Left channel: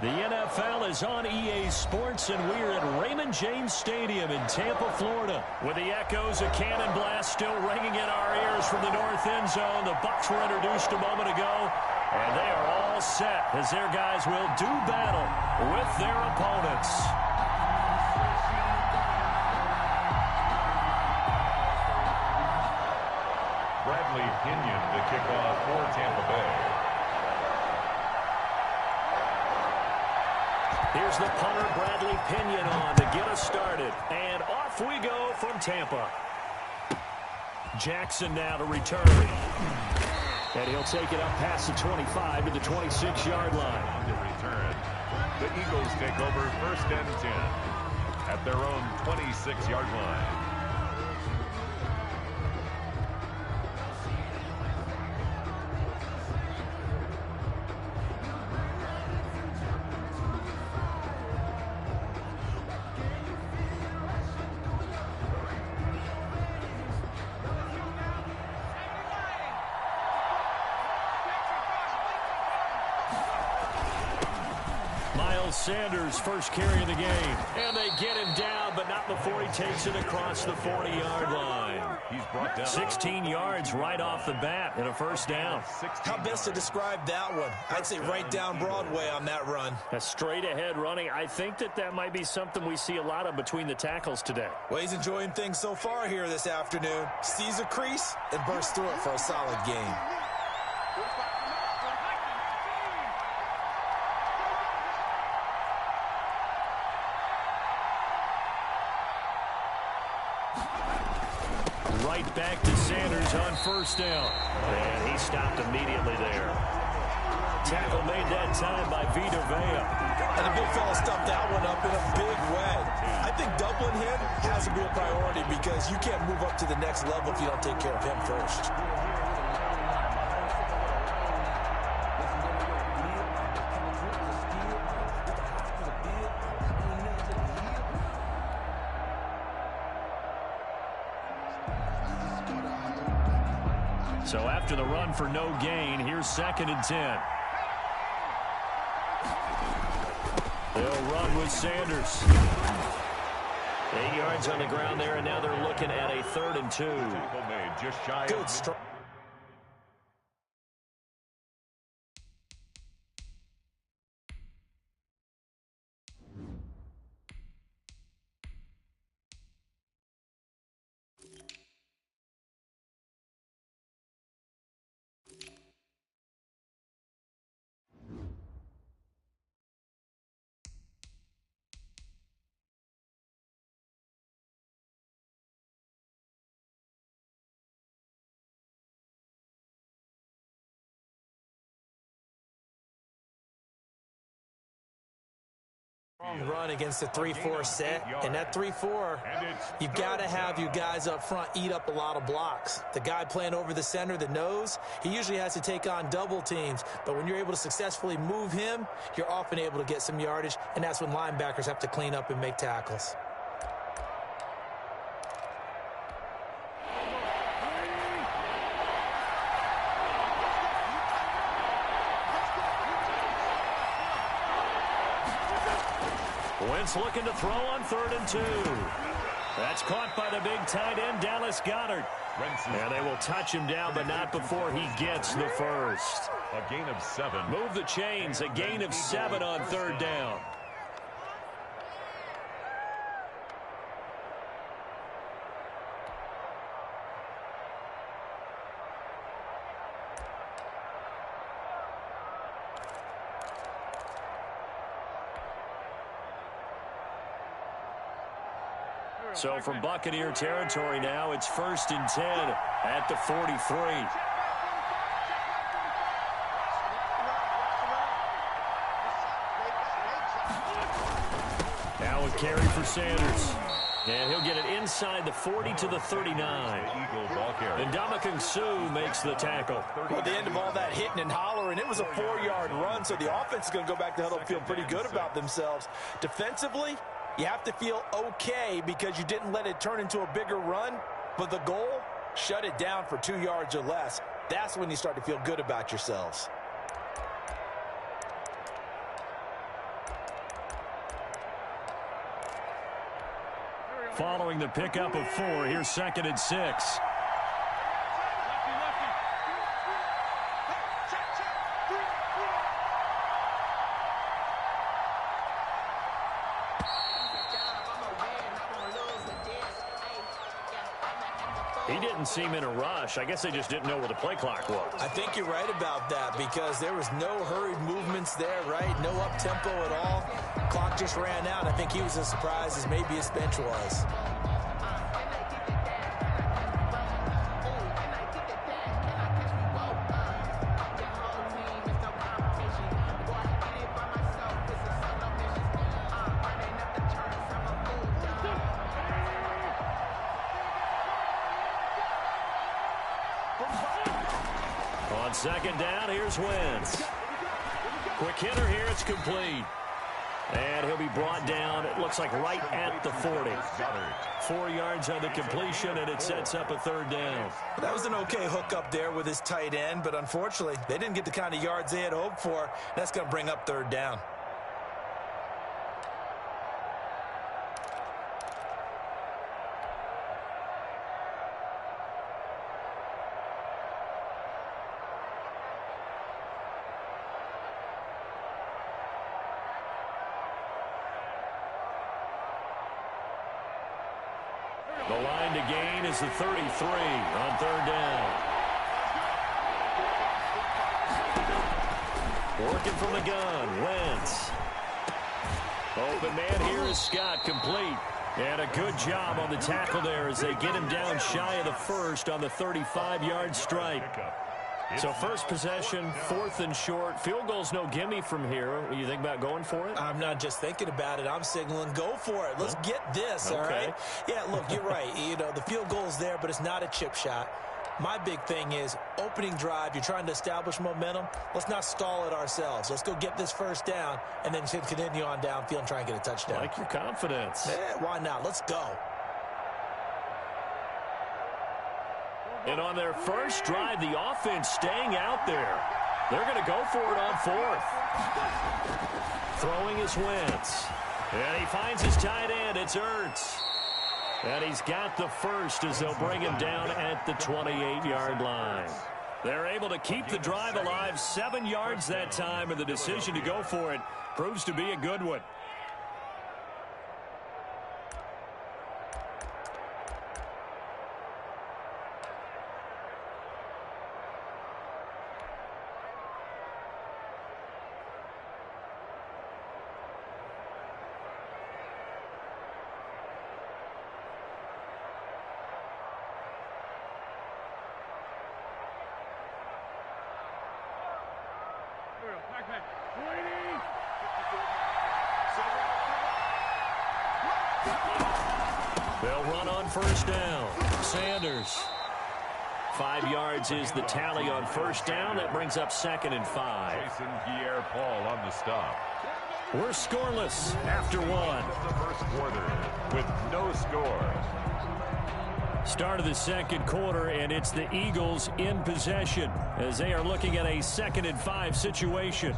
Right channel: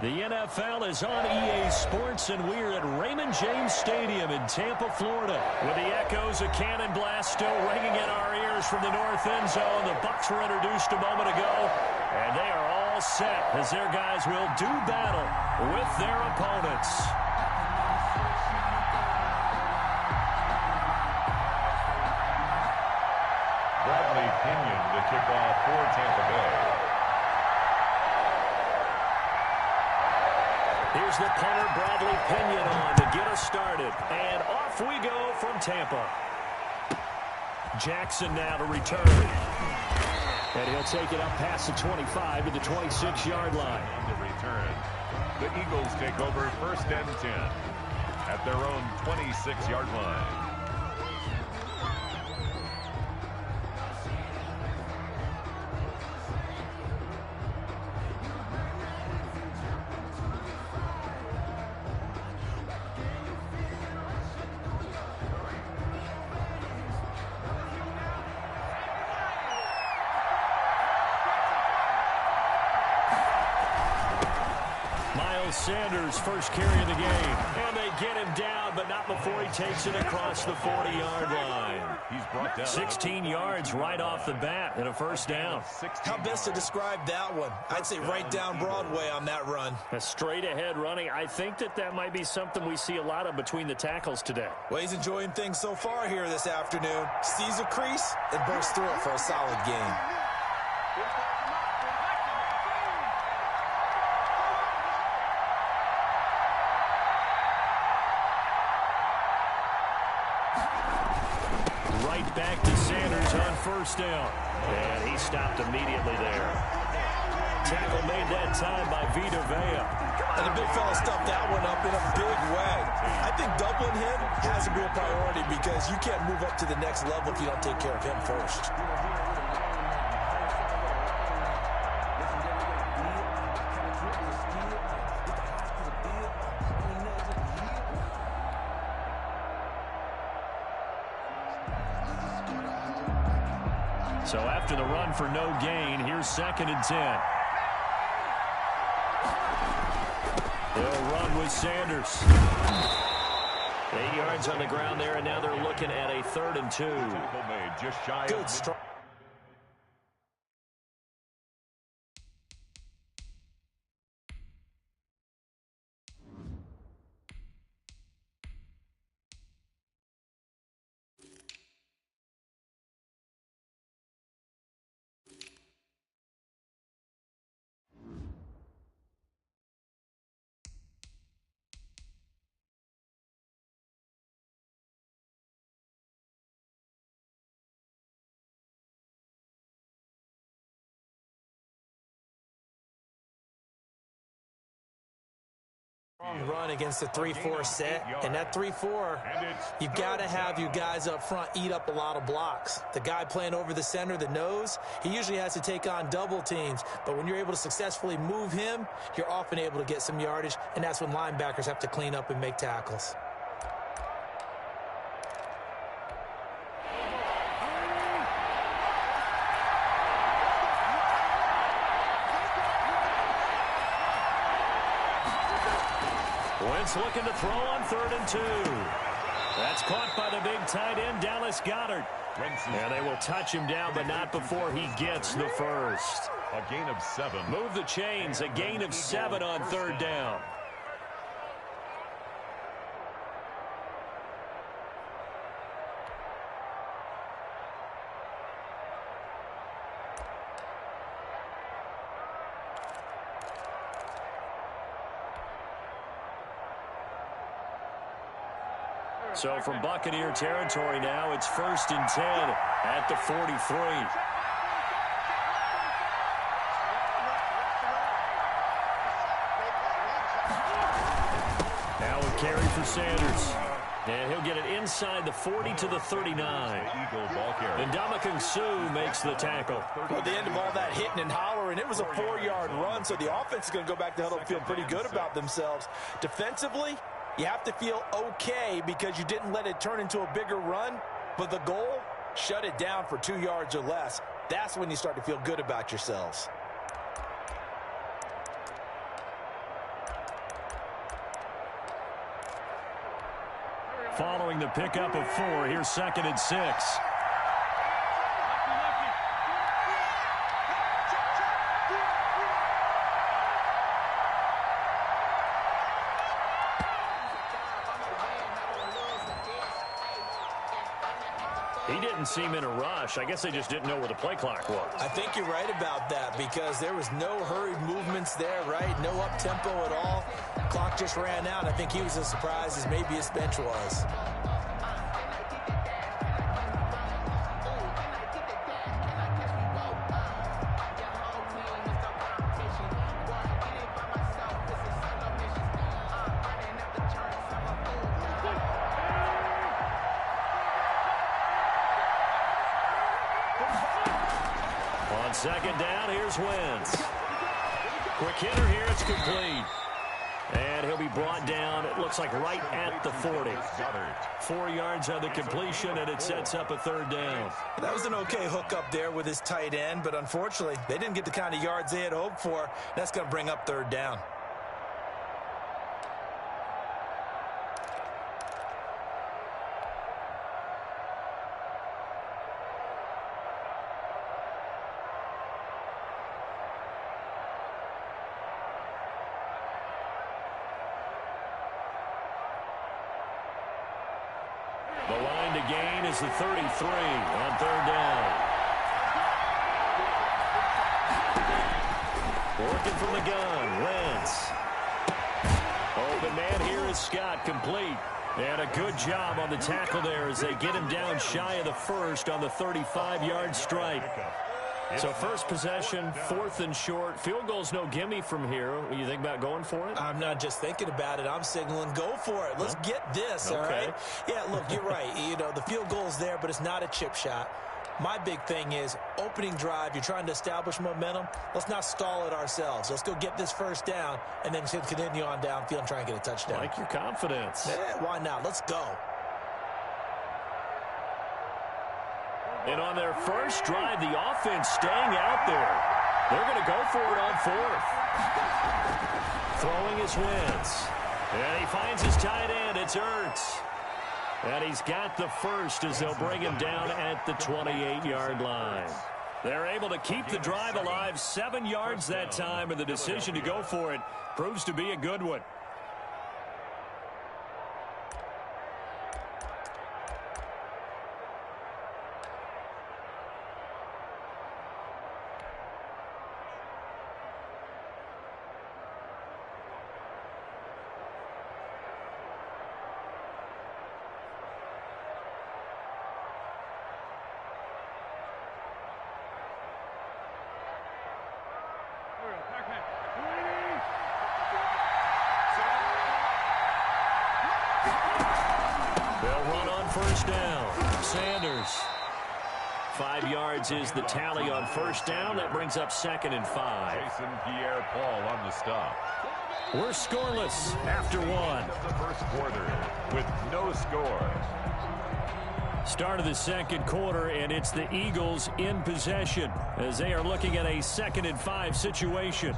The NFL is on EA Sports, and we're at Raymond James Stadium in Tampa, Florida. With the echoes of cannon blast still ringing in our ears from the north end zone, the Bucs were introduced a moment ago, and they are all set as their guys will do battle with their opponents. Bradley Pinion to kick off for Tampa Bay. Here's the punter, Bradley Pinion, on to get us started. And off we go from Tampa. Jackson now to return. And he'll take it up past the 25 to the 26-yard line. On the return, the Eagles take over 1st and 10 at their own 26-yard line. Sanders first carry of the game, and they get him down, but not before he takes it across the 40-yard line. He's brought down 16 yards right off the bat and a first down. How best to describe that one? I'd say right down Broadway on that run. A straight ahead running. I think that might be something we see a lot of between the tackles today. Well, he's enjoying things so far here this afternoon. Sees a crease and bursts through it for a solid game. Right back to Sanders on first down. And he stopped immediately there. Tackle made that time by Vita Vea. And the big fella stuffed that one up in a big way. I think doubling him has to be a priority because you can't move up to the next level if you don't take care of him first. So after the run for no gain, here's 2nd and 10. They'll run with Sanders. 8 yards on the ground there, and now they're looking at a 3rd and 2. Good strike. Run against the 3-4 set, and that 3-4, you've got to have your guys up front eat up a lot of blocks. The guy playing over the center, the nose, he usually has to take on double teams, but when you're able to successfully move him, you're often able to get some yardage, and that's when linebackers have to clean up and make tackles. Wentz looking to throw on 3rd and 2. That's caught by the big tight end, Dallas Goedert. And they will touch him down, but not before he gets the first. A gain of 7. Move the chains, a gain of 7 on 3rd down. So from Buccaneer territory now, it's 1st and 10 at the 43. Now a carry for Sanders. And he'll get it inside the 40 to the 39. And Ndamukong Suh makes the tackle. Well, at the end of all that hitting and hollering, it was a 4-yard run, so the offense is going to go back to huddle and feel pretty good about themselves. Defensively, you have to feel okay because you didn't let it turn into a bigger run, but the goal, shut it down for 2 yards or less. That's when you start to feel good about yourselves. following the pickup of 4. Here's 2nd and 6. He didn't seem in a rush. I guess they just didn't know where the play clock was. I think you're right about that because there was no hurried movements there, right? No up-tempo at all. Clock just ran out. I think he was as surprised as maybe his bench was. On 2nd down, here's Wentz. Quick hitter here, it's complete. And he'll be brought down, it looks like right at the 40. 4 yards on the completion, and it sets up a 3rd down. That was an okay hook up there with his tight end, but unfortunately, they didn't get the kind of yards they had hoped for. That's going to bring up 3rd down. The line to gain is the 33 on 3rd down. Working from the gun, Wentz. Open man here is Scott, complete. And a good job on the tackle there as they get him down shy of the 1st on the 35-yard strike. So first possession, 4th and short. Field goal's no gimme from here. What do you think about going for it? I'm not just thinking about it. I'm signaling go for it. Let's get this, all right? Yeah, look, you're right. You know, the field goal's there, but it's not a chip shot. My big thing is opening drive. You're trying to establish momentum. Let's not stall it ourselves. Let's go get this 1st down and then continue on downfield and try and get a touchdown. I like your confidence. Yeah, why not? Let's go. And on their first drive, the offense staying out there. They're going to go for it on 4th. Throwing is Wentz. And he finds his tight end. It's Ertz. And he's got the 1st as they'll bring him down at the 28-yard line. They're able to keep the drive alive, 7 yards that time, and the decision to go for it proves to be a good one. They'll run on 1st down. Sanders. 5 yards is the tally on 1st down. That brings up 2nd and 5. Jason Pierre-Paul on the stop. We're scoreless after 1. The 1st quarter with no score. Start of the 2nd quarter, and it's the Eagles in possession as they are looking at a 2nd and 5 situation.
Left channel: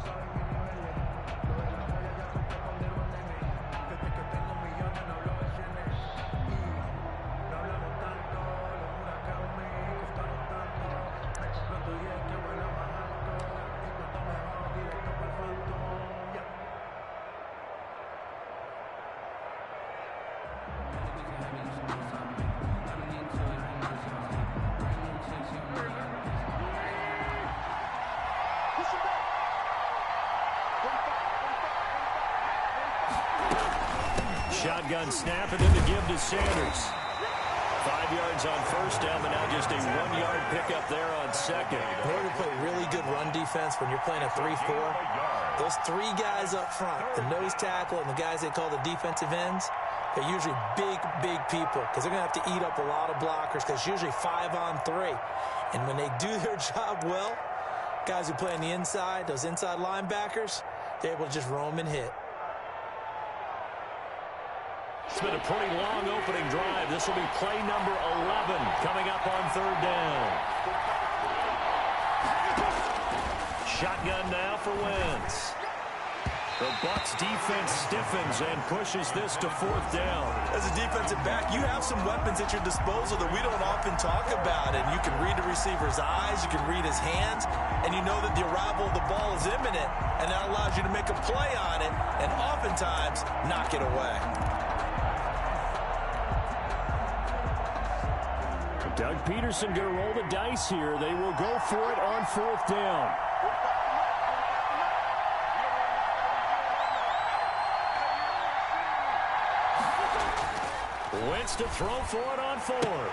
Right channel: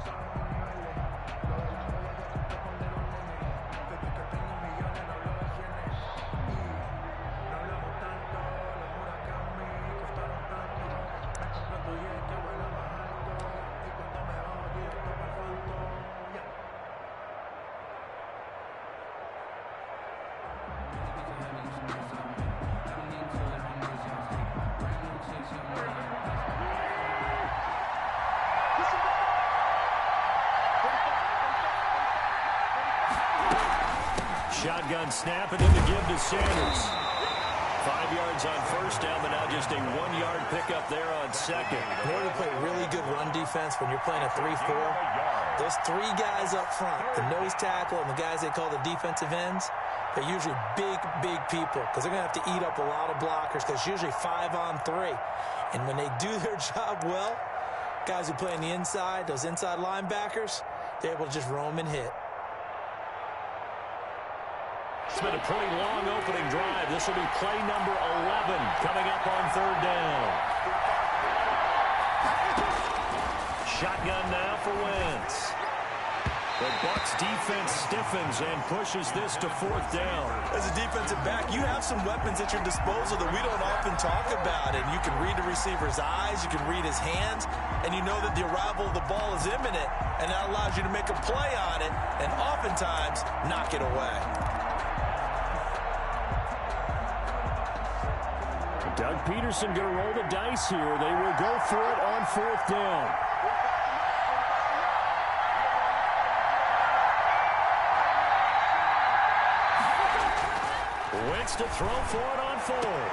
Shotgun snap, and then the give to Sanders. 5 yards on 1st down, but now just a 1-yard pickup there on 2nd. In order to play really good run defense when you're playing a 3-4, those 3 guys up front, the nose tackle and the guys they call the defensive ends, they're usually big people because they're going to have to eat up a lot of blockers because it's usually 5 on 3. And when they do their job well, guys who play on the inside, those inside linebackers, they're able to just roam and hit. It's been a pretty long opening drive. This will be play number 11 coming up on 3rd down. Shotgun now for Wentz. The Bucs defense stiffens and pushes this to 4th down. As a defensive back, you have some weapons at your disposal that we don't often talk about. And you can read the receiver's eyes, you can read his hands, and you know that the arrival of the ball is imminent, and that allows you to make a play on it and oftentimes knock it away. Doug Peterson going to roll the dice here. They will go for it on 4th down. Wentz to throw for it on 4th.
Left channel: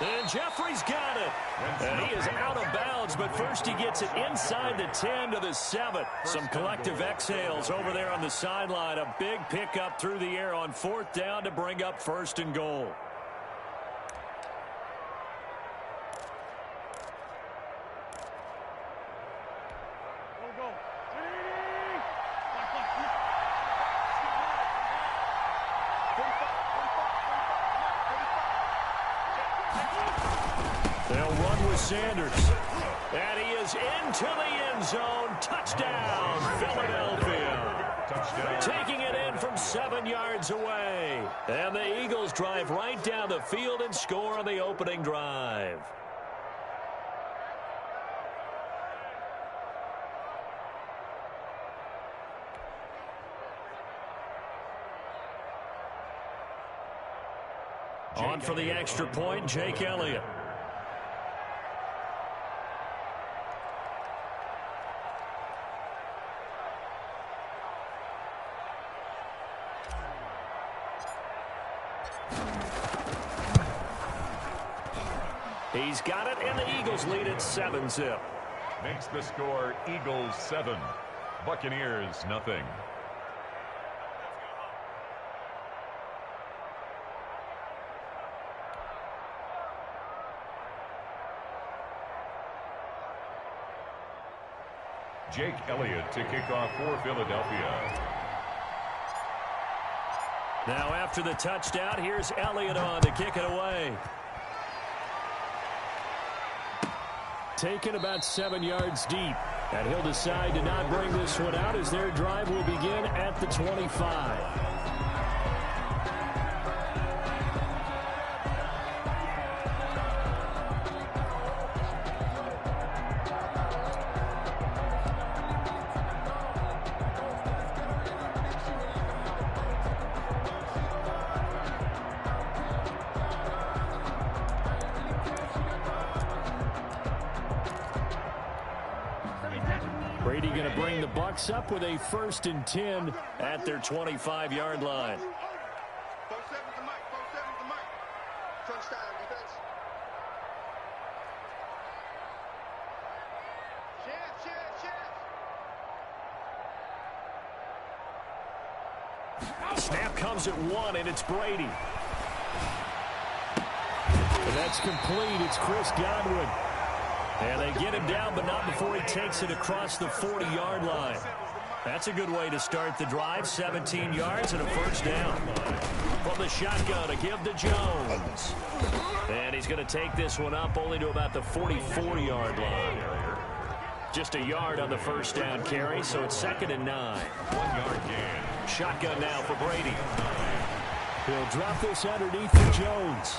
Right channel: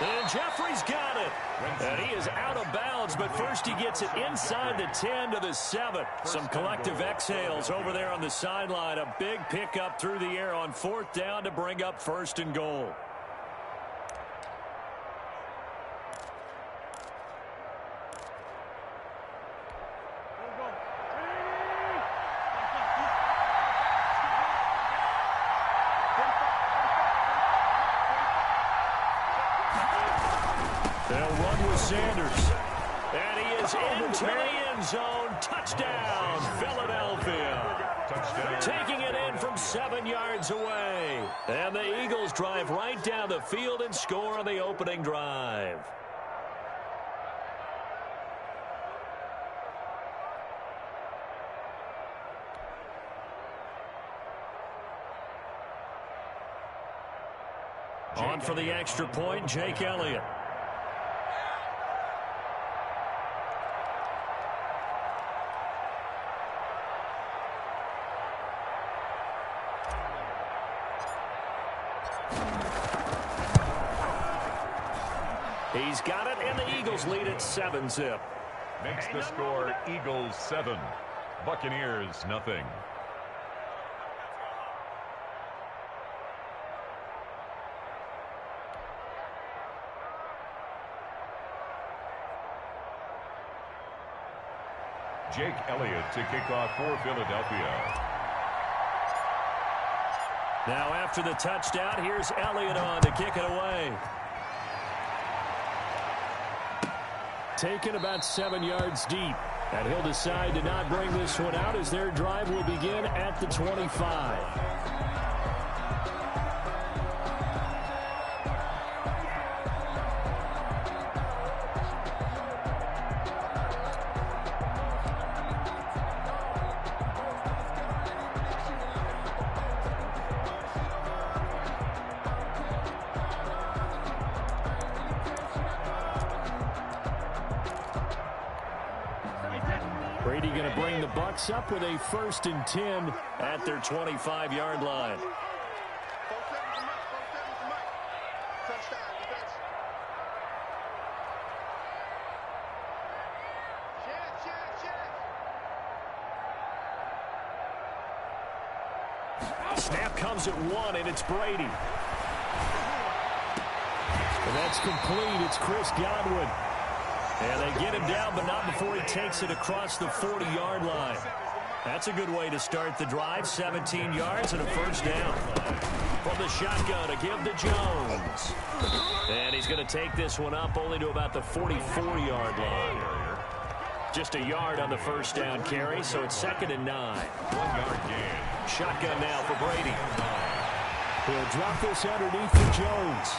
And Jeffrey's got it. And he is out of bounds, but first he gets it inside the 10 to the 7. Some collective exhales over there on the sideline. A big pickup through the air on 4th down to bring up 1st and goal. They'll run with Sanders. And he is into the end zone. Touchdown, Philadelphia. Touchdown. Taking it in from 7 yards away. And the Eagles drive right down the field and score on the opening drive. On for the extra point, Jake Elliott. He's got it, and the Eagles lead at 7-zip. Makes the score Eagles 7, Buccaneers nothing. Jake Elliott to kick off for Philadelphia. Now after the touchdown, here's Elliott on to kick it away. Taken about 7 yards deep. And he'll decide to not bring this one out as their drive will begin at the 25. Brady going to bring the Bucs up with a 1st and 10 at their 25-yard line. Snap comes at 1, and it's Brady. And that's complete. It's Chris Godwin. And they get him down, but not before he takes it across the 40-yard line. That's a good way to start the drive. 17 yards and a 1st down. From the shotgun, a give to Jones. And he's going to take this one up only to about the 44-yard line. Just a yard on the 1st down carry, so it's 2nd and 9. 1-yard gain. Shotgun now for Brady. He'll drop this underneath to Jones.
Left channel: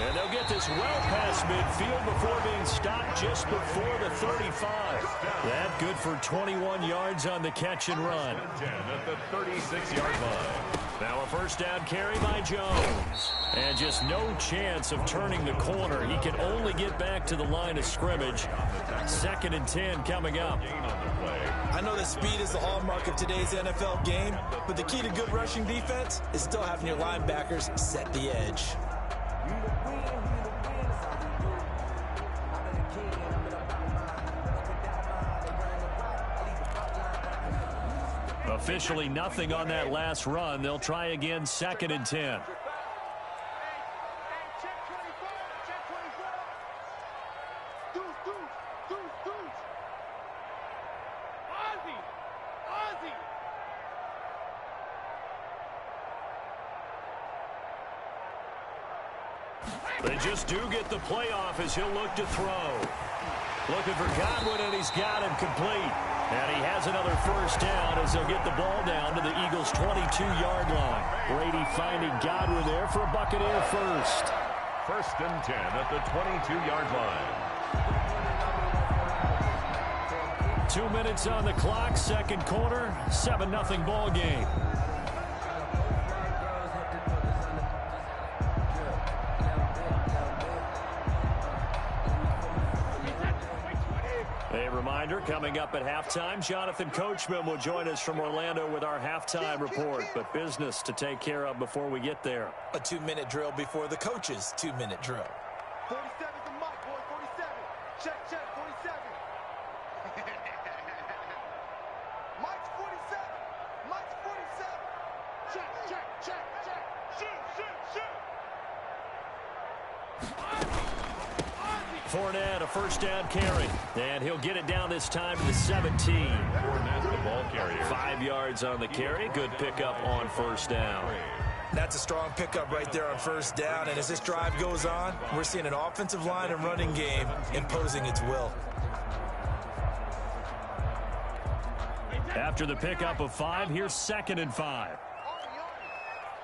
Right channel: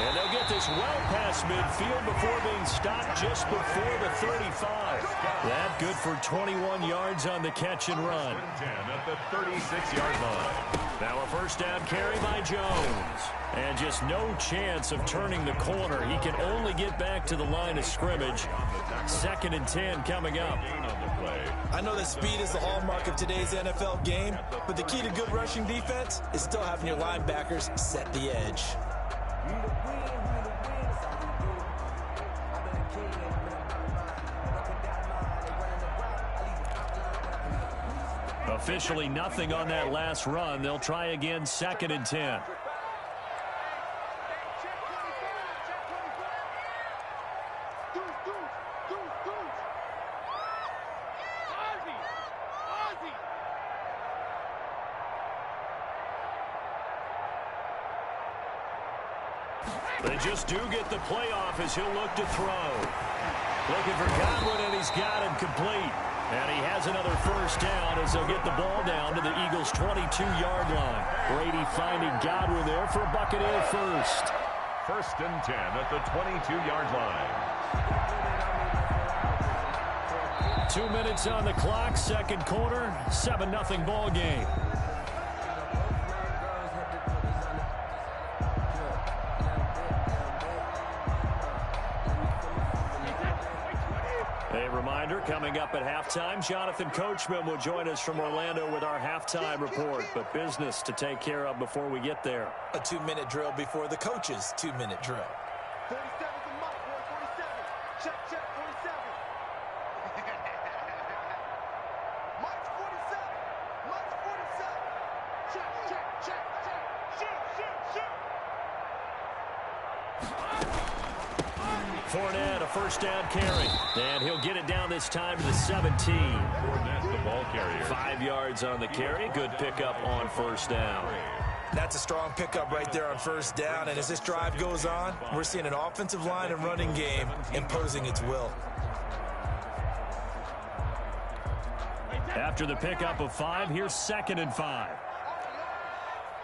And they'll get this well past midfield before being stopped just before the 35. That good for 21 yards on the catch and run. 10 at the 36-yard line. Now a 1st down carry by Jones. And just no chance of turning the corner. He can only get back to the line of scrimmage. 2nd and 10 coming up. I know that speed is the hallmark of today's NFL game, but the key to good rushing defense is still having your linebackers set the edge. Officially nothing on that last run. They'll try again, 2nd and 10. They just do get the playoff as he'll look to throw. Looking for Godwin, and he's got him complete. And he has another first down as they'll get the ball down to the Eagles' 22-yard line. Brady finding Godwin there for a Buccaneer first. 1st and 10 at the 22-yard line. 2 minutes on the clock, second quarter, 7-0 ball game. A reminder, coming up at halftime, Jonathan Coachman will join us from Orlando with our halftime report, but business to take care of before we get there. A 2-minute drill before the coach's 2-minute drill. 47's the mic, boy, 47. Check, 47. Mike's 47. Mike's 47. Check. Shoot. Fournette, a first down carry. And he'll get it down this time to the 17. Fournette, the ball carrier. 5 yards on the carry. Good pickup on first down. That's a strong pickup right there on first down. And as this drive goes on, we're seeing an offensive line and running game imposing its will. After the pickup of 5, here's 2nd and 5.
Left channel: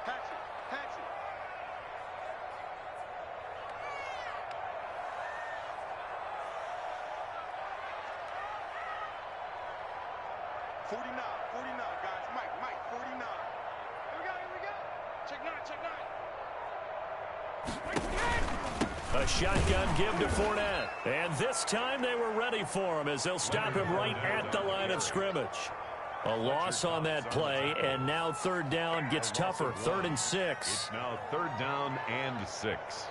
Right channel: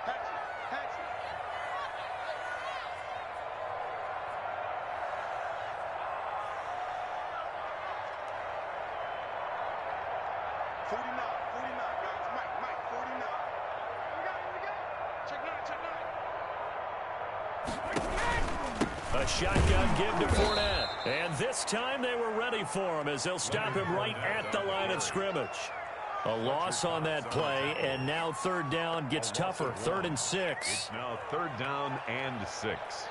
Hatchet. 49, guys. Mike, 49. Here we go. Check 9. A shotgun give to Fournette. And this time they were ready for him as they'll stop him right at the line of scrimmage. A loss on that play, and now 3rd down gets tougher. 3rd and 6. It's now 3rd down and 6.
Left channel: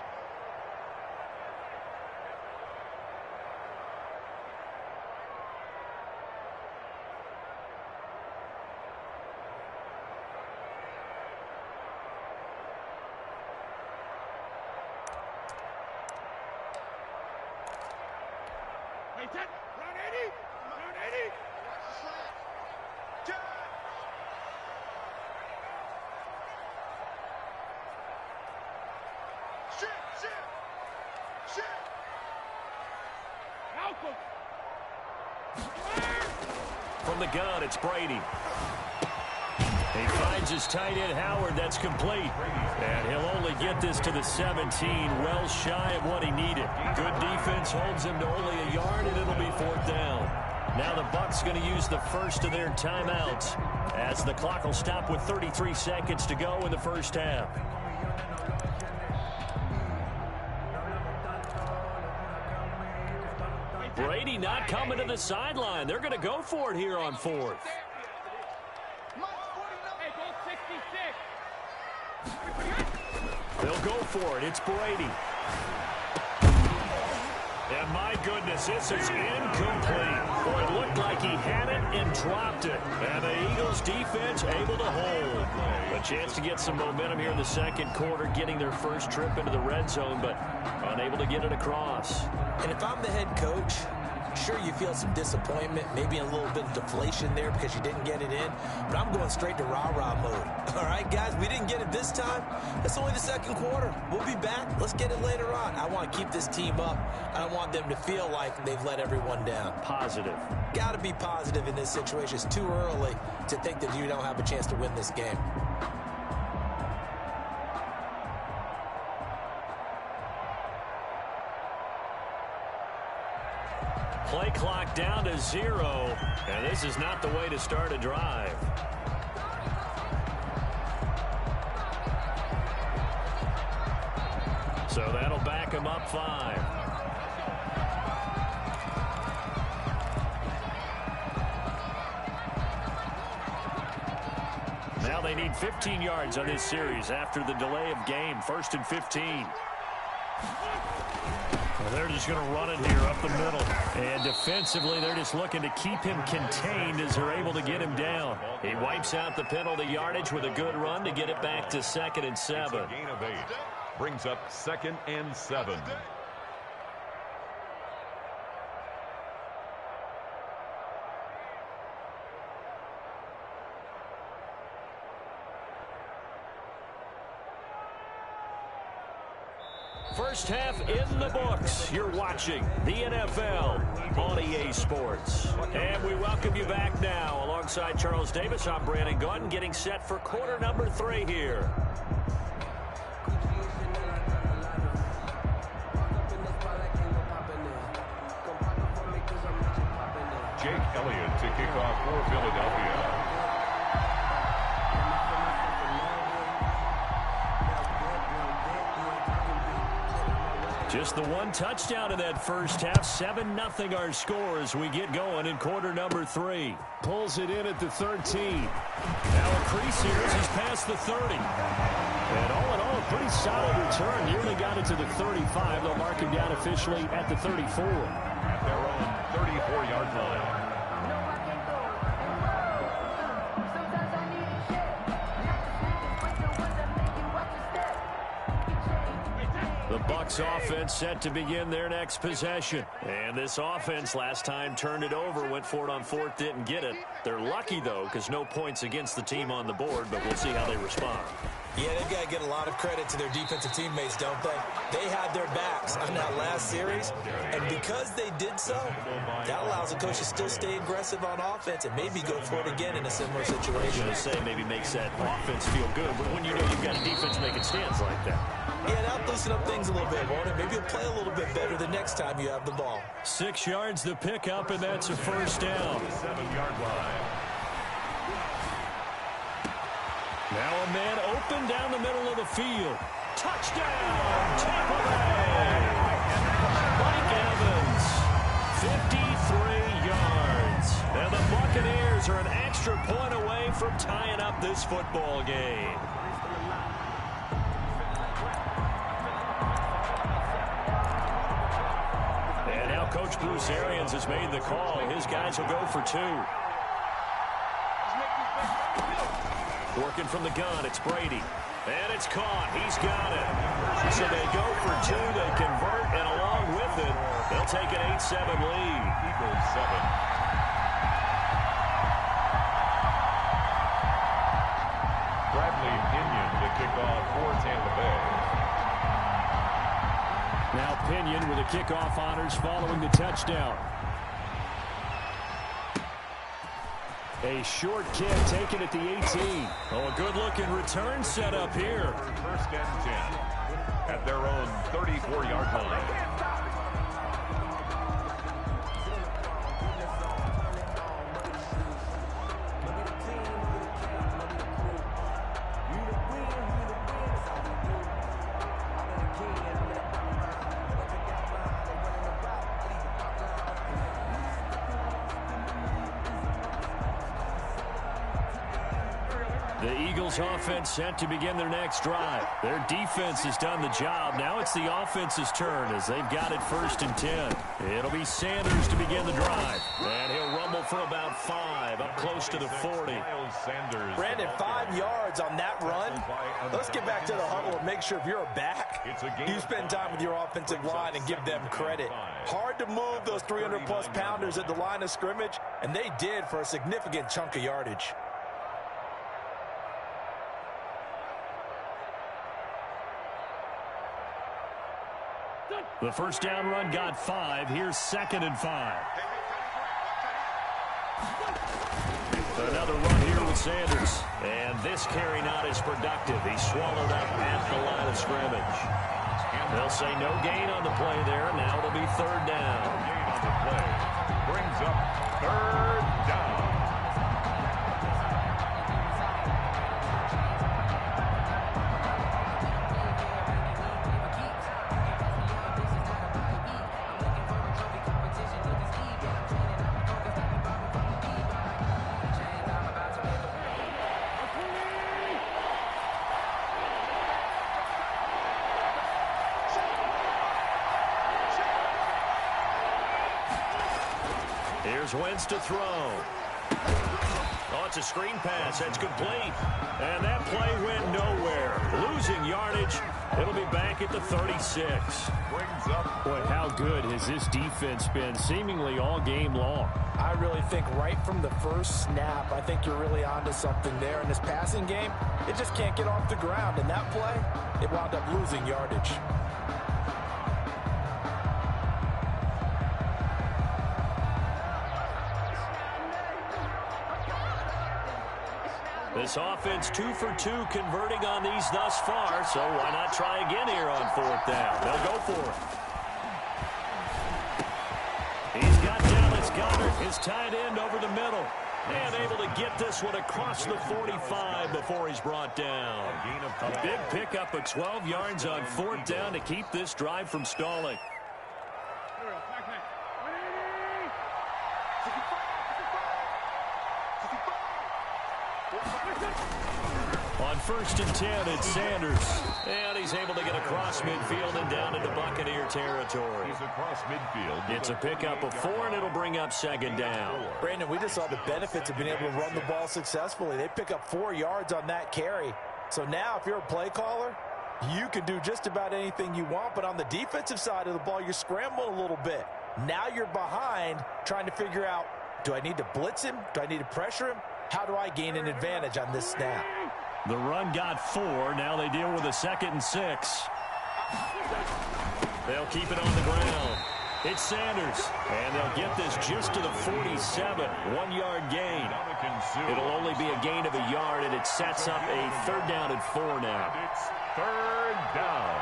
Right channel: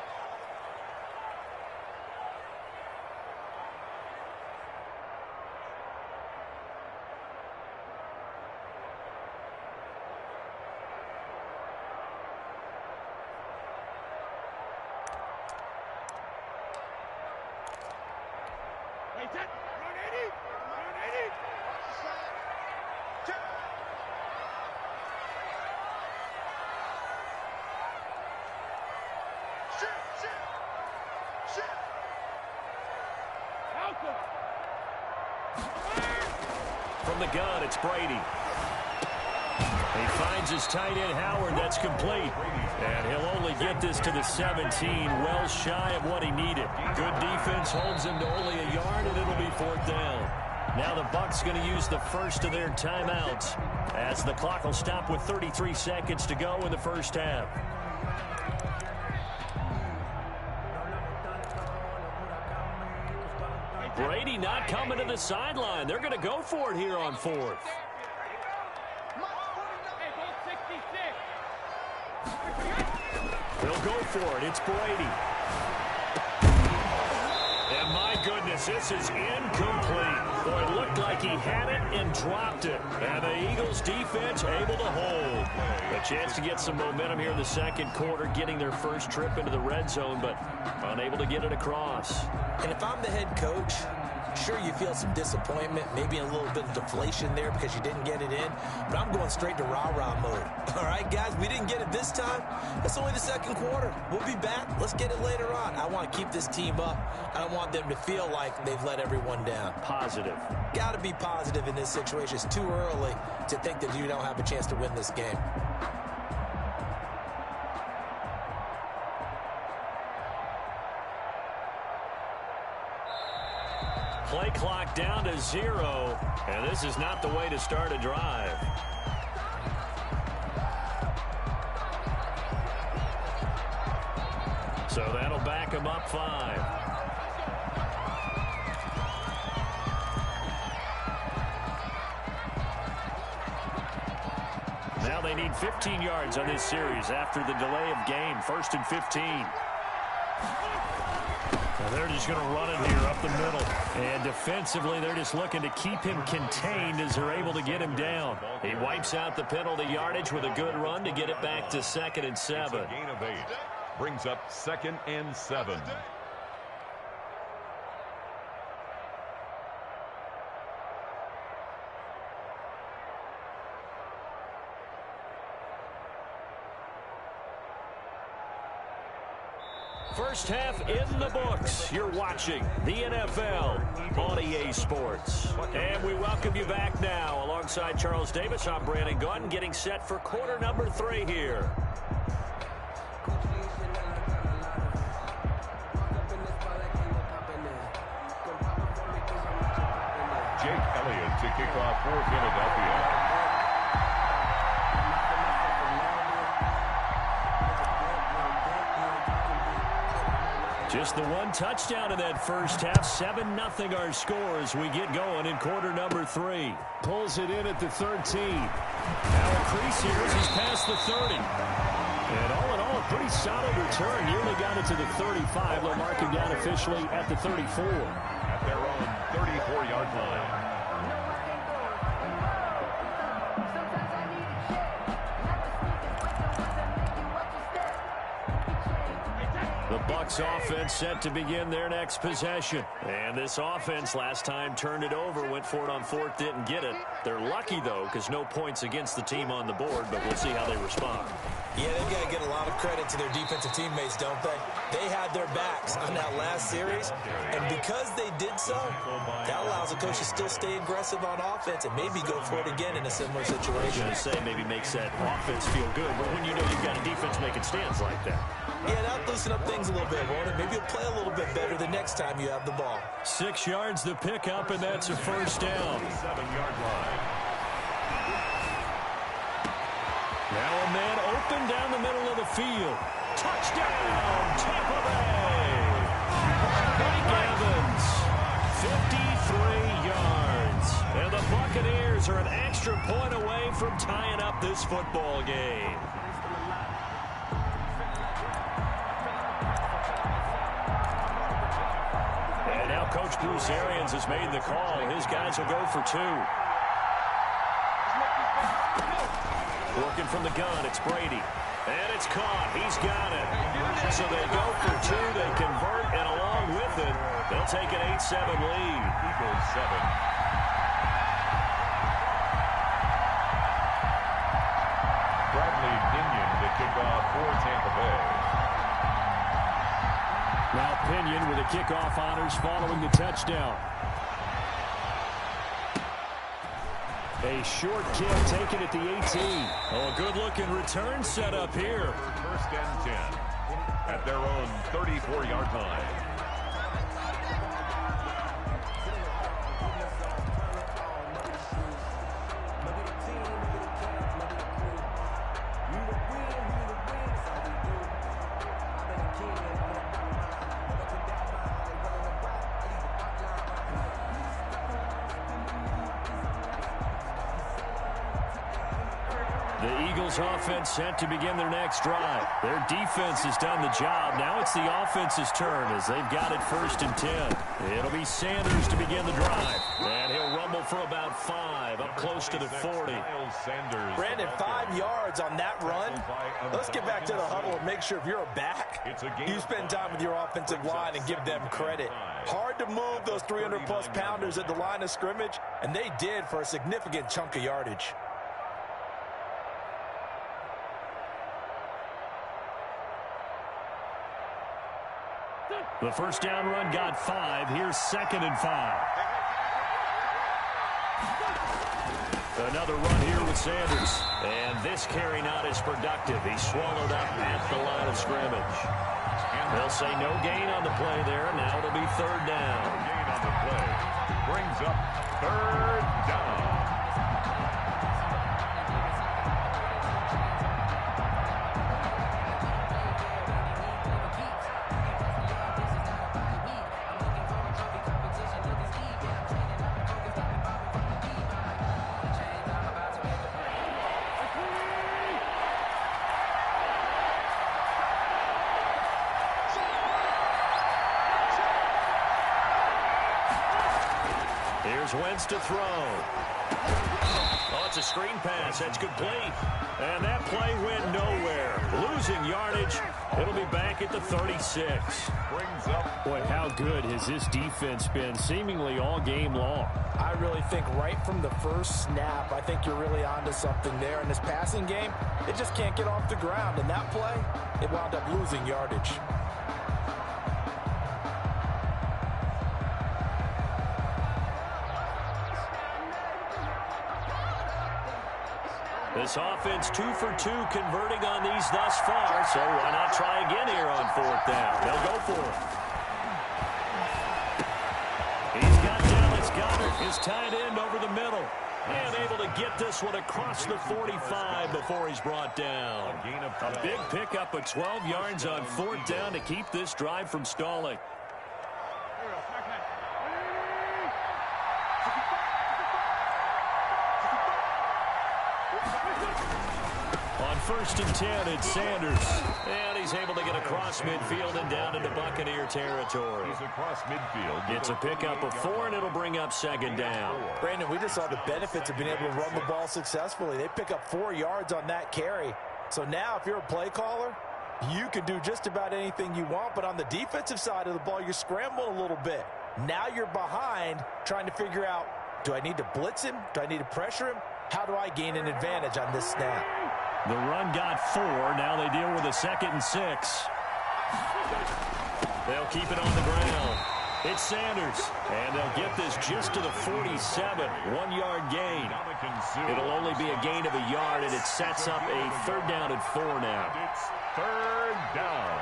Run 80. Watch the slant. Shoot. Malcolm. From the gun, it's Brady. He finds his tight end, Howard. That's complete. And he'll only get this to the 17, well shy of what he needed. Good defense holds him to only a yard, and it'll be 4th down. Now the Bucs going to use the first of their timeouts as the clock will stop with 33 seconds to go in the first half. Brady not coming to the sideline. They're going to go for it here on 4th. They'll go for it. It's Brady. And my goodness, this is incomplete. Boy, it looked like he had it and dropped it. And the Eagles defense able to hold. A chance to get some momentum here in the second quarter, getting their first trip into the red zone, but unable to get it across. And if I'm the head coach, sure, you feel some disappointment, maybe a little bit of deflation there because you didn't get it in, but I'm going straight to rah-rah mode. All right, guys, we didn't get it this time. It's only the second quarter. We'll be back. Let's get it later on. I want to keep this team up. I don't want them to feel like they've let everyone down. Positive. Got to be positive in this situation. It's too early to think that you don't have a chance to win this game. Play clock down to 0, and this is not the way to start a drive. So that'll back him up 5. Now they need 15 yards on this series after the delay of game. 1st and 15. Well, they're just going to run it here up the middle. And defensively, they're just looking to keep him contained as they're able to get him down. He wipes out the penalty yardage with a good run to get it back to 2nd and 7. It's a gain of 8. Brings up 2nd and 7. First half in the books. You're watching the NFL on EA Sports. And we welcome you back now. Alongside Charles Davis, I'm Brandon Gunn, getting set for quarter number 3 here. Jake Elliott to kick off for Philadelphia. Just the one touchdown in that first half. 7-0 our score as we get going in quarter number 3. Pulls it in at the 13. Now a crease here as he's past the 30. And all in all, a pretty solid return. Nearly got it to the 35. They'll mark him down officially at the 34. At their own 34-yard line. The Bucs offense set to begin their next possession. And this offense last time turned it over, went for it on 4th, didn't get it. They're lucky, though, because no points against the team on the board, but we'll see how they respond. Yeah, they've got to get a lot of credit to their defensive teammates, don't they? They had their backs on that last series, and because they did so, that allows the coach to still stay aggressive on offense and maybe go for it again in a similar situation. I was going to say maybe makes that offense feel good, but when you know you've got a defense making stands like that. Yeah, that'll loosen up things a little bit, won't it? Maybe you'll play a little bit better the next time you have the ball. 6 yards the pickup, and that's a first down. 7-yard line. Now a man open down the middle of the field. Touchdown, Tampa Bay. Mike Evans, 53 yards. And the Buccaneers are an extra point away from tying up this football game. And now Coach Bruce Arians has made the call. His guys will go for 2. Working from the gun, it's Brady. And it's caught. He's got it. So they go for 2. They convert, and along with it, they'll take an 8-7 lead. Eagles 7. Bradley Pinion to kick off for Tampa Bay. Now Pinion with the kickoff honors following the touchdown. A short kick taken at the 18. Oh, a good-looking return set up here. First and 10 at their own 34-yard line. The Eagles offense set to begin their next drive. Their defense has done the job. Now it's the offense's turn as they've got it 1st and 10. It'll be Sanders to begin the drive. And he'll rumble for about 5, up close to the 40. Brandon, 5 yards on that run. Let's get back to the huddle and make sure if you're a back, you spend time with your offensive line and give them credit. Hard to move those 300-plus pounders at the line of scrimmage, and they did for a significant chunk of yardage. The first down run got 5. Here's 2nd and 5. Another run here with Sanders. And this carry not as productive. He's swallowed up at the line of scrimmage. They'll say no gain on the play there. Now it'll be 3rd down. No gain on the play. Brings up 3rd down. Here's Wentz to throw. Oh, it's a screen pass. That's complete. And that play went nowhere. Losing yardage. It'll be back at the 36. Brings up. Boy, how good has this defense been seemingly all game long? I really think right from the first snap, I think you're really onto something there. In this passing game, it just can't get off the ground. And that play, it wound up losing yardage. This offense 2 for 2 converting on these thus far, so why not try again here on 4th down? They'll go for it. He's got Dallas Goedert, his tight end, over the middle. And able to get this one across the 45 before he's brought down. A big pickup of 12 yards on 4th down to keep this drive from stalling. On 1st and 10, it's Sanders. And he's able to get across midfield and down into Buccaneer territory. He's across midfield. It's a pickup of 4, and it'll bring up 2nd down. Brandon, we just saw the benefits of being able to run the ball successfully. They pick up 4 yards on that carry. So now if you're a play caller, you can do just about anything you want. But on the defensive side of the ball, you're scrambling a little bit. Now you're behind trying to figure out, do I need to blitz him? Do I need to pressure him? How do I gain an advantage on this snap? The run got 4. Now they deal with a 2nd and 6. They'll keep it on the ground. It's Sanders. And they'll get this just to the 47. 1-yard gain. It'll only be a gain of a yard, and it sets up a 3rd down and 4 now. It's 3rd down.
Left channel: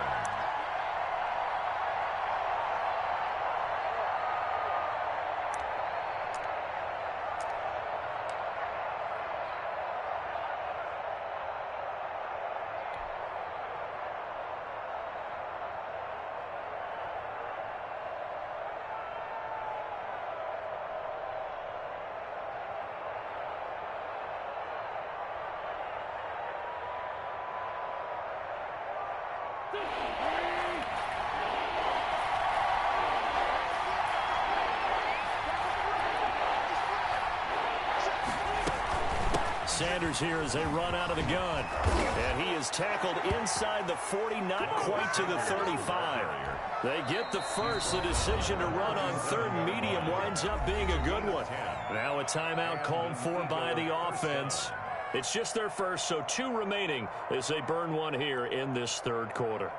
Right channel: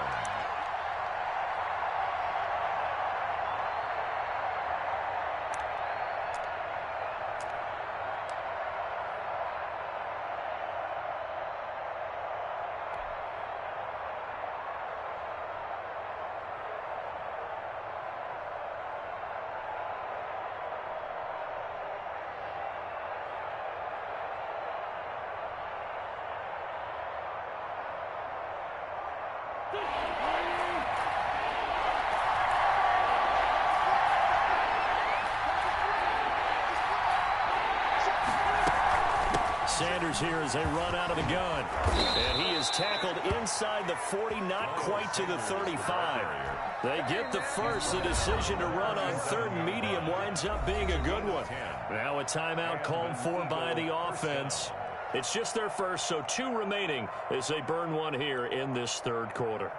Sanders here as they run out of the gun. And he is tackled inside the 40, not quite to the 35. They get the first. The decision to run on 3rd and medium winds up being a good one. Now a timeout called for by the offense. It's just their first, so 2 remaining as they burn one here in this 3rd quarter.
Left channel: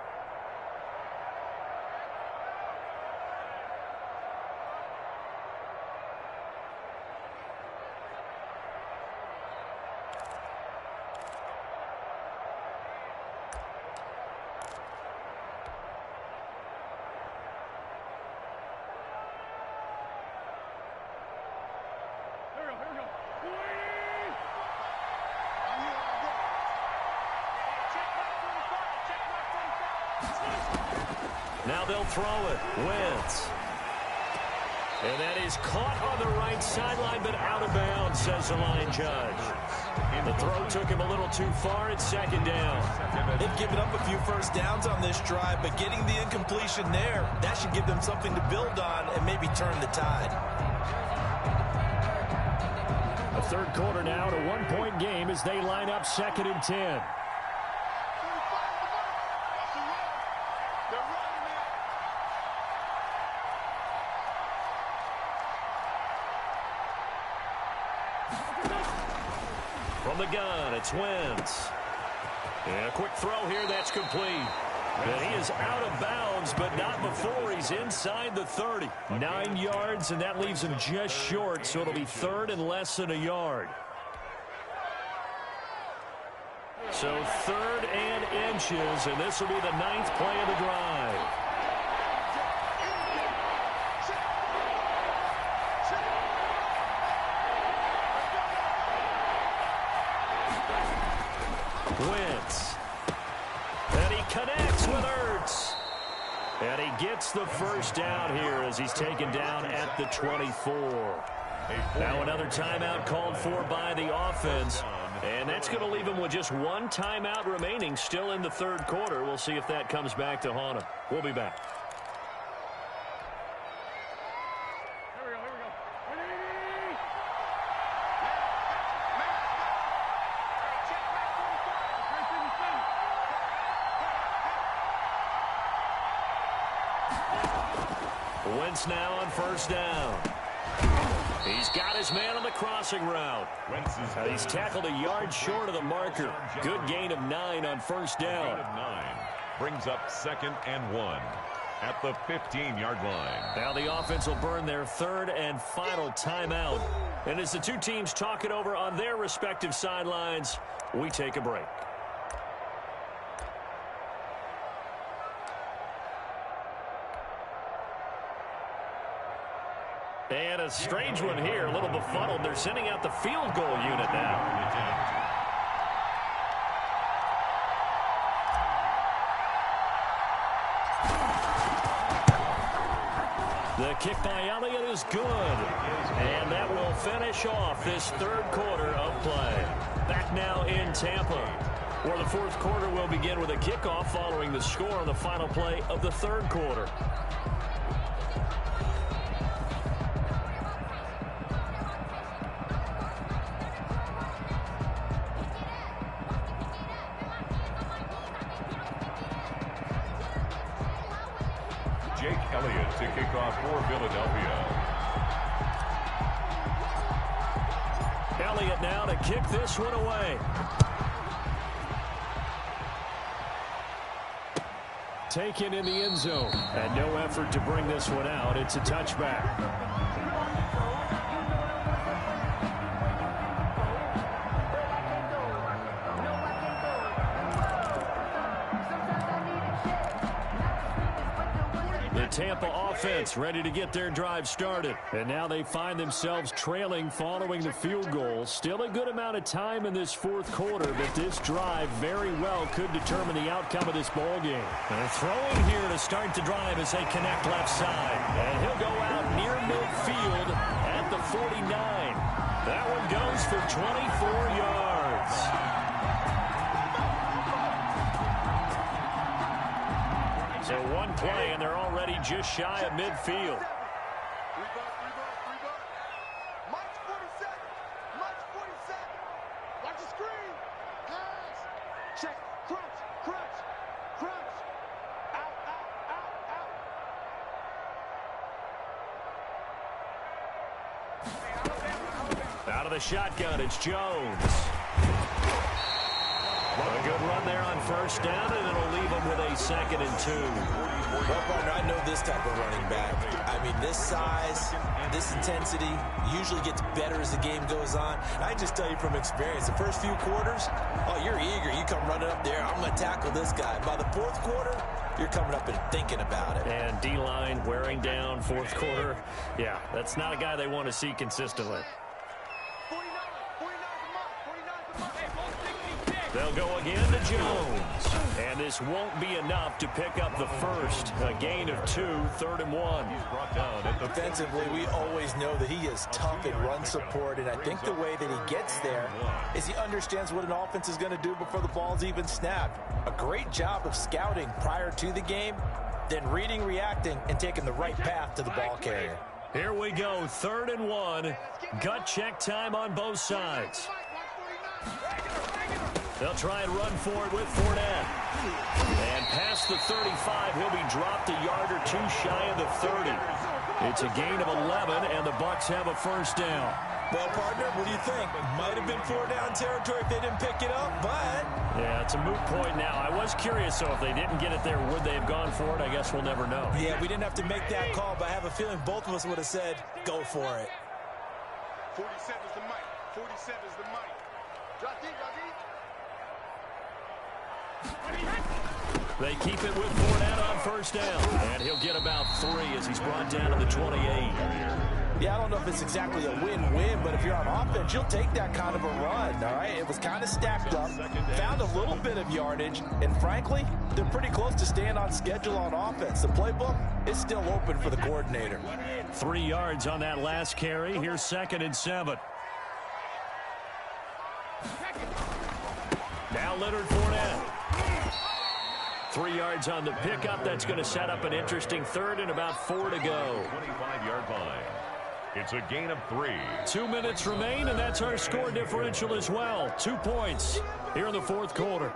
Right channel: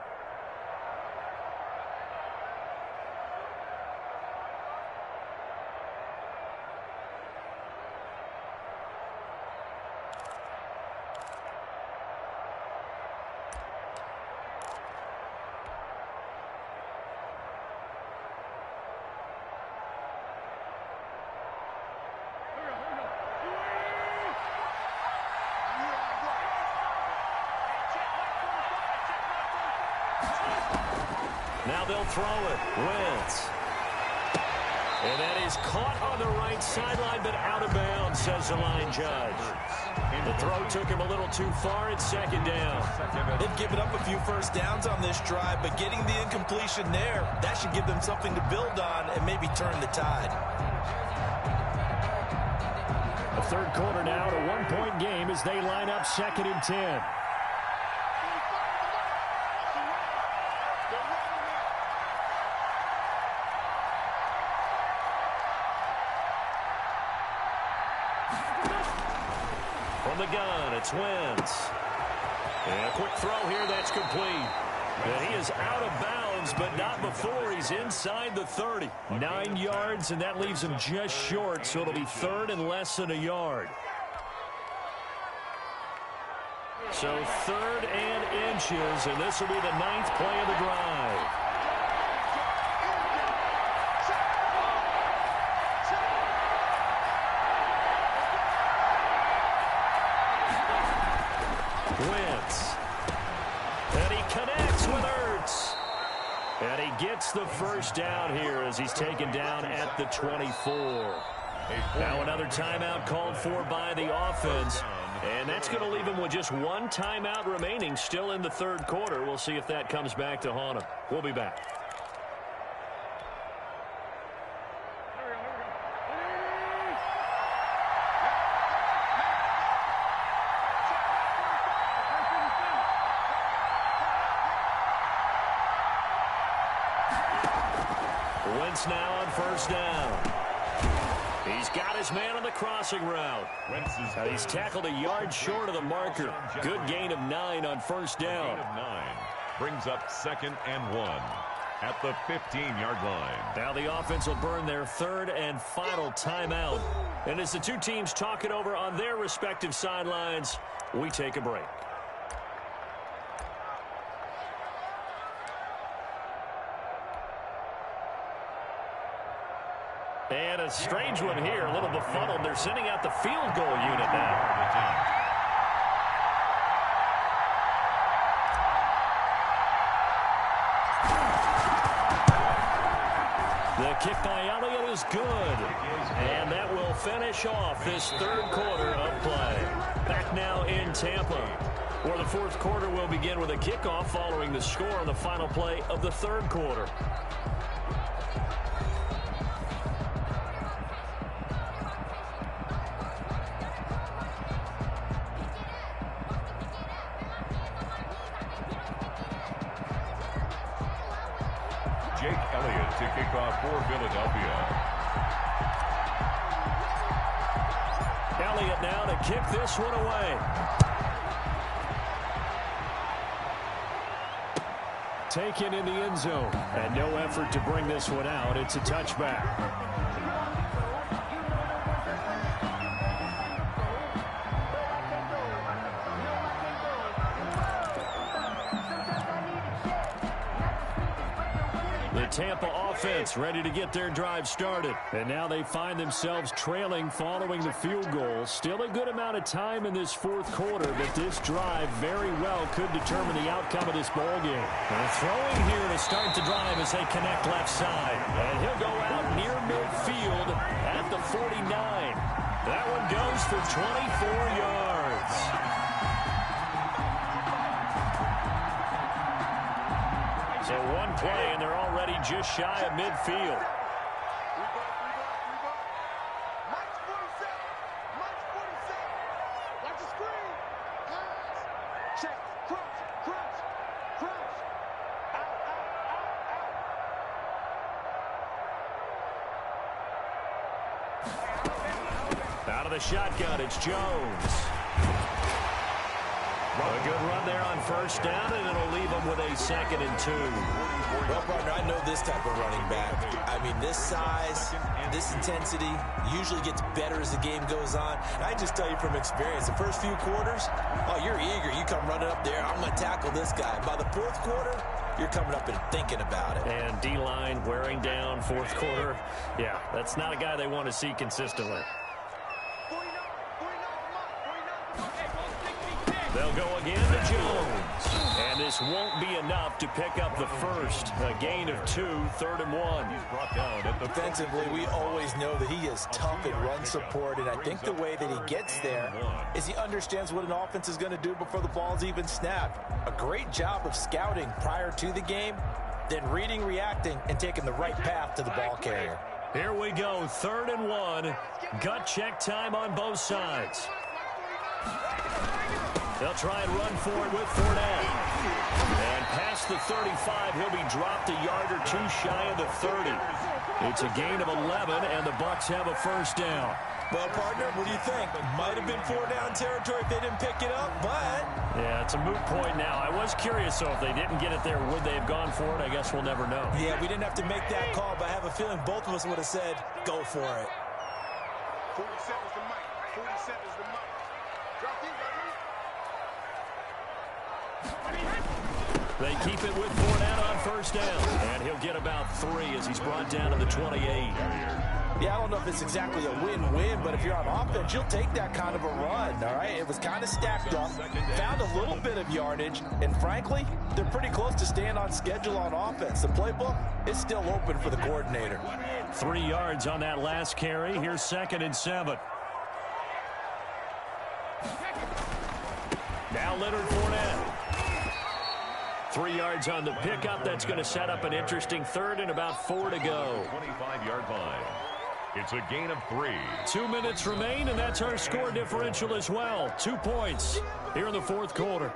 Now they'll throw it. Wentz. And that is caught on the right sideline, but out of bounds, says the line judge. The throw took him a little too far. It's 2nd down. They've given up a few first downs on this drive, but getting the incompletion there, that should give them something to build on and maybe turn the tide. The 3rd quarter now, a 1-point game as they line up 2nd and 10. From the gun, it's Wentz. And a quick throw here, that's complete. And he is out of bounds, but not before he's inside the 30. 9 yards, and that leaves him just short, so it'll be 3rd and less than a yard. So 3rd and inches, and this will be the 9th play of the drive. Wentz. And he connects with Ertz. And he gets the first down here as he's taken down at the 24. Now another timeout called for by the offense. And that's going to leave him with just 1 timeout remaining still in the 3rd quarter. We'll see if that comes back to haunt him. We'll be back. Wentz now on 1st down. He's got his man on the crossing route. He's tackled a yard short of the marker. Good gain of 9 on 1st down. Gain of 9 brings up 2nd and 1 at the 15-yard line. Now the offense will burn their 3rd and final timeout And as the two teams talk it over on their respective sidelines, we take a break. And a strange one here, a little befuddled. They're sending out the field goal unit now. The kick by Elliott is good. And that will finish off this third quarter of play. Back now in Tampa, where the fourth quarter will begin with a kickoff following the score on the final play of the third quarter. Jake Elliott to kick off for Philadelphia. Elliott now to kick this one away. Taken in the end zone. And no effort to bring this one out. It's a touchback. Tampa offense ready to get their drive started. And now they find themselves trailing following the field goal. Still a good amount of time in this fourth quarter, but this drive very well could determine the outcome of this ball game. Throwing here to start the drive as they connect left side. And he'll go out near midfield at the 49. That one goes for 24 yards. So one play, and they're already just shy of midfield. Three bud. Mike's 47. Mike's 47. Watch the screen. Pass. Check. Crunch. Out. Out of the shotgun, it's Jones. A good run there on first down, and it'll leave them with a 2nd and 2. Well, partner, I know this type of running back. I mean, this size, this intensity usually gets better as the game goes on. I just tell you from experience, the first few quarters, oh, you're eager. You come running up there, I'm going to tackle this guy. By the fourth quarter, you're coming up and thinking about it. And D-line wearing down fourth quarter. Yeah, that's not a guy they want to see consistently. 49 the mark. They'll go again to Jones. And this won't be enough to pick up the first. A gain of 2, 3rd and 1. He's brought down at the Defensively, we always know that he is tough in run support, and I think the way that he gets there is he understands what an offense is going to do before the ball's even snapped. A great job of scouting prior to the game, then reading, reacting, and taking the right path to the ball carrier. Here we go, 3rd and 1. Gut check time on both sides. They'll try and run for it with Fournette. And past the 35, he'll be dropped a yard or 2 shy of the 30. It's a gain of 11, and the Bucs have a first down. Well, partner, what do you think? Might have been 4-down territory if they didn't pick it up, but... Yeah, it's a moot point now. I was curious, so if they didn't get it there, would they have gone for it? I guess we'll never know. Yeah, we didn't have to make that call, but I have a feeling both of us would have said, go for it. 47's the mic. 47's the mic. Drop deep. They keep it with Fournette on first down. And he'll get about 3 as he's brought down to the 28. Yeah, I don't know if it's exactly a win-win, but if you're on offense, you'll take that kind of a run, all right? It was kind of stacked up, found a little bit of yardage, and frankly, they're pretty close to staying on schedule on offense. The playbook is still open for the coordinator. 3 yards on that last carry. Here's 2nd and 7. Now Leonard Fournette. 3 yards on the pickup. That's going to set up an interesting 3rd and about 4 to go. 25-yard line. It's a gain of 3. 2 minutes remain, and that's our score differential as well. 2 points here in the fourth quarter.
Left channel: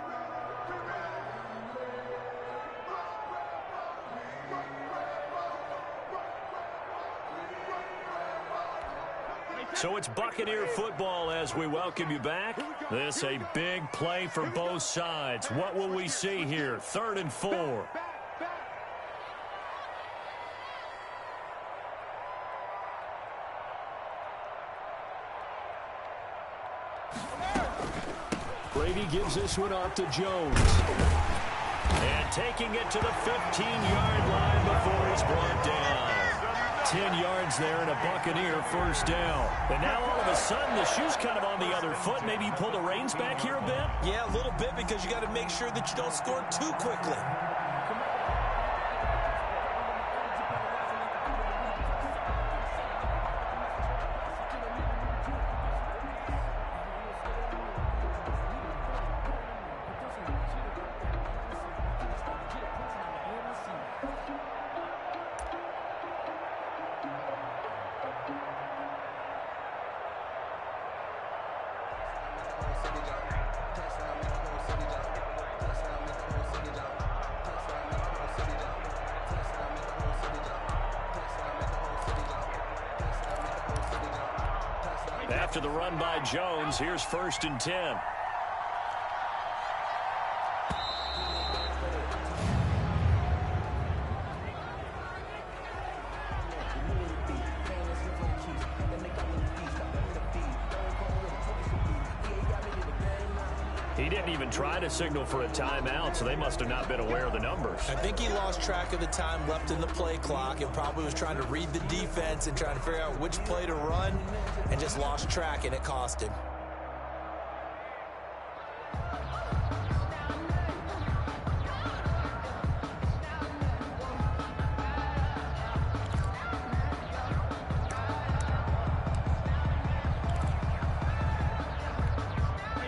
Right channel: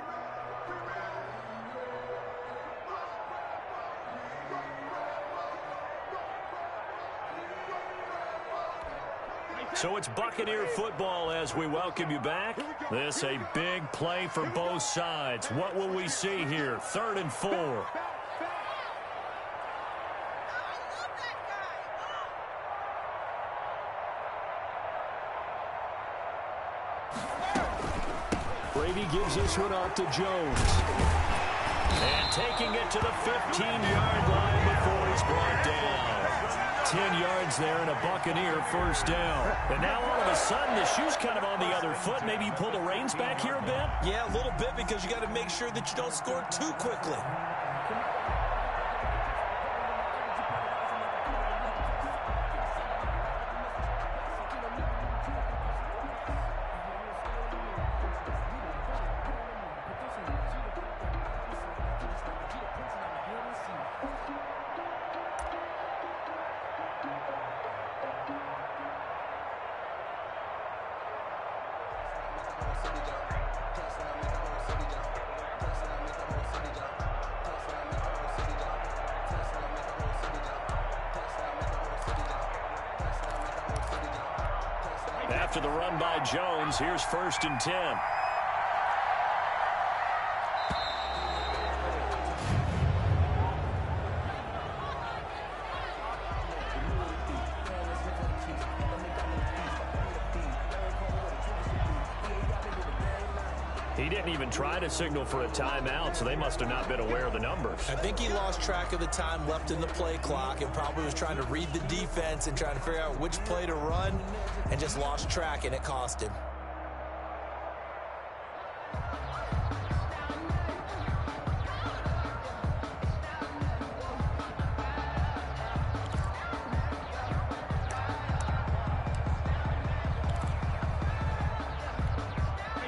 So it's Buccaneer football as we welcome you back. This a big play for both sides. What will we see here? 3rd and 4. Navy gives this one off to Jones. And taking it to the 15-yard line before he's brought down. 10 yards there and a Buccaneer first down. And now all of a sudden the shoe's kind of on the other foot. Maybe you pull the reins back here a bit? Yeah, a little bit, because you got to make sure that you don't score too quickly. After the run by Jones, here's 1st and 10. He didn't even try to signal for a timeout, so they must have not been aware of the numbers. I think he lost track of the time left in the play clock and probably was trying to read the defense and trying to figure out which play to run, and just lost track, and it cost him.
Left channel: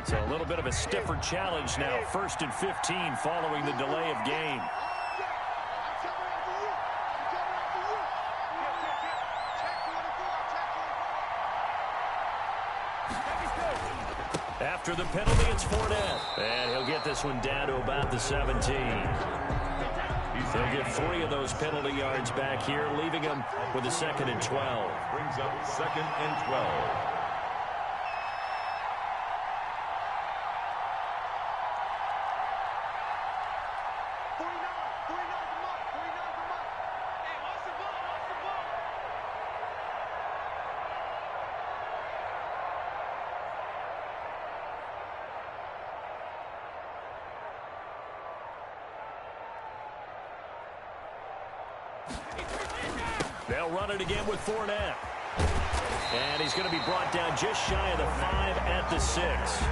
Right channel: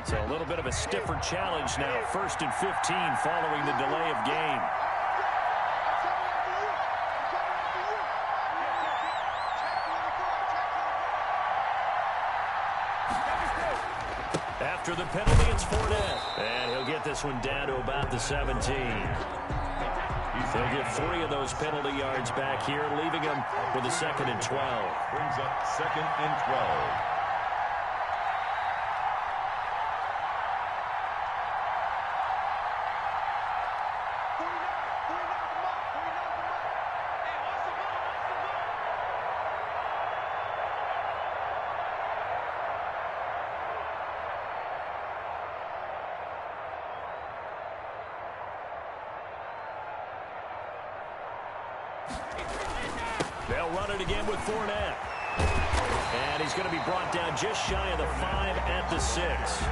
So a little bit of a stiffer challenge now. 1st and 15 following the delay of game. After the penalty, it's Fournette. And he'll get this one down to about the 17. He'll get 3 of those penalty yards back here, leaving him with a 2nd and 12. Brings up 2nd and 12. They'll run it again with Fournette. And he's going to be brought down just shy of the 5 at the 6.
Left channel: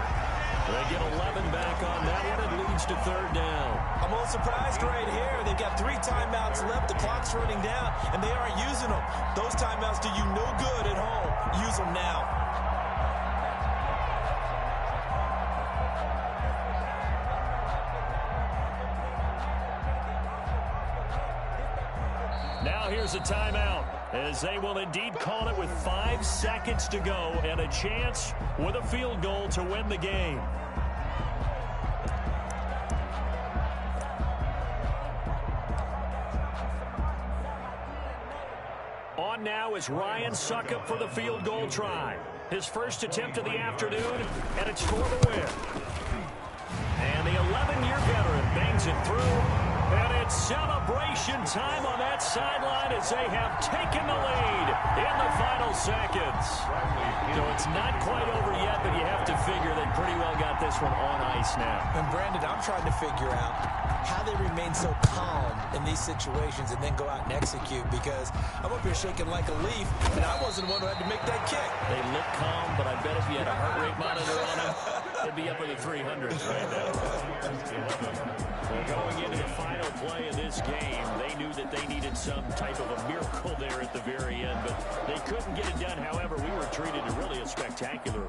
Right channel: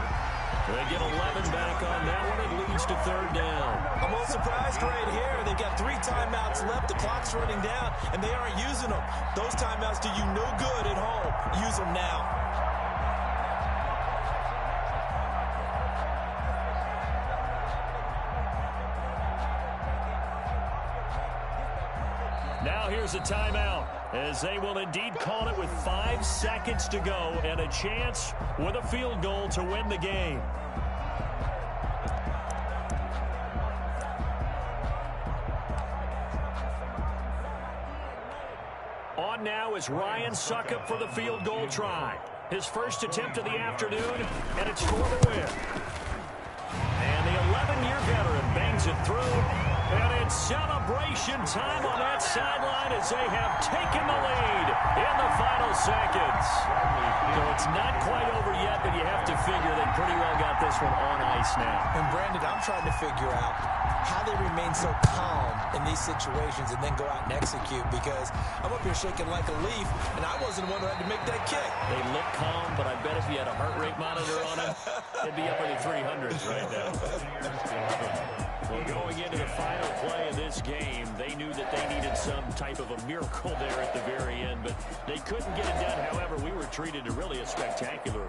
They get 11 back on that one. It leads to 3rd down. I'm a little surprised right here. They've got 3 timeouts left. The clock's running down, and they aren't using them. Those timeouts do you no good at home. Use them now. Now here's a timeout, as they will indeed call it with 5 seconds to go and a chance with a field goal to win the game. On now is Ryan Suckup for the field goal try. His first attempt of the afternoon, and it's for the win. And the 11-year veteran bangs it through. And it's celebration time on that sideline as they have taken the lead in the final seconds. So it's not quite over yet, but you have to figure they pretty well got this one on ice now. And Brandon, I'm trying to figure out how they remain so calm in these situations and then go out and execute, because I'm up here shaking like a leaf, and I wasn't the one who had to make that kick. They look calm, but I bet if you had a heart rate monitor on them, it'd be up in the 300s right now. Well, going into the final play of this game, they knew that they needed some type of a miracle there at the very end, but they couldn't get it done. However, we were treated to really a spectacular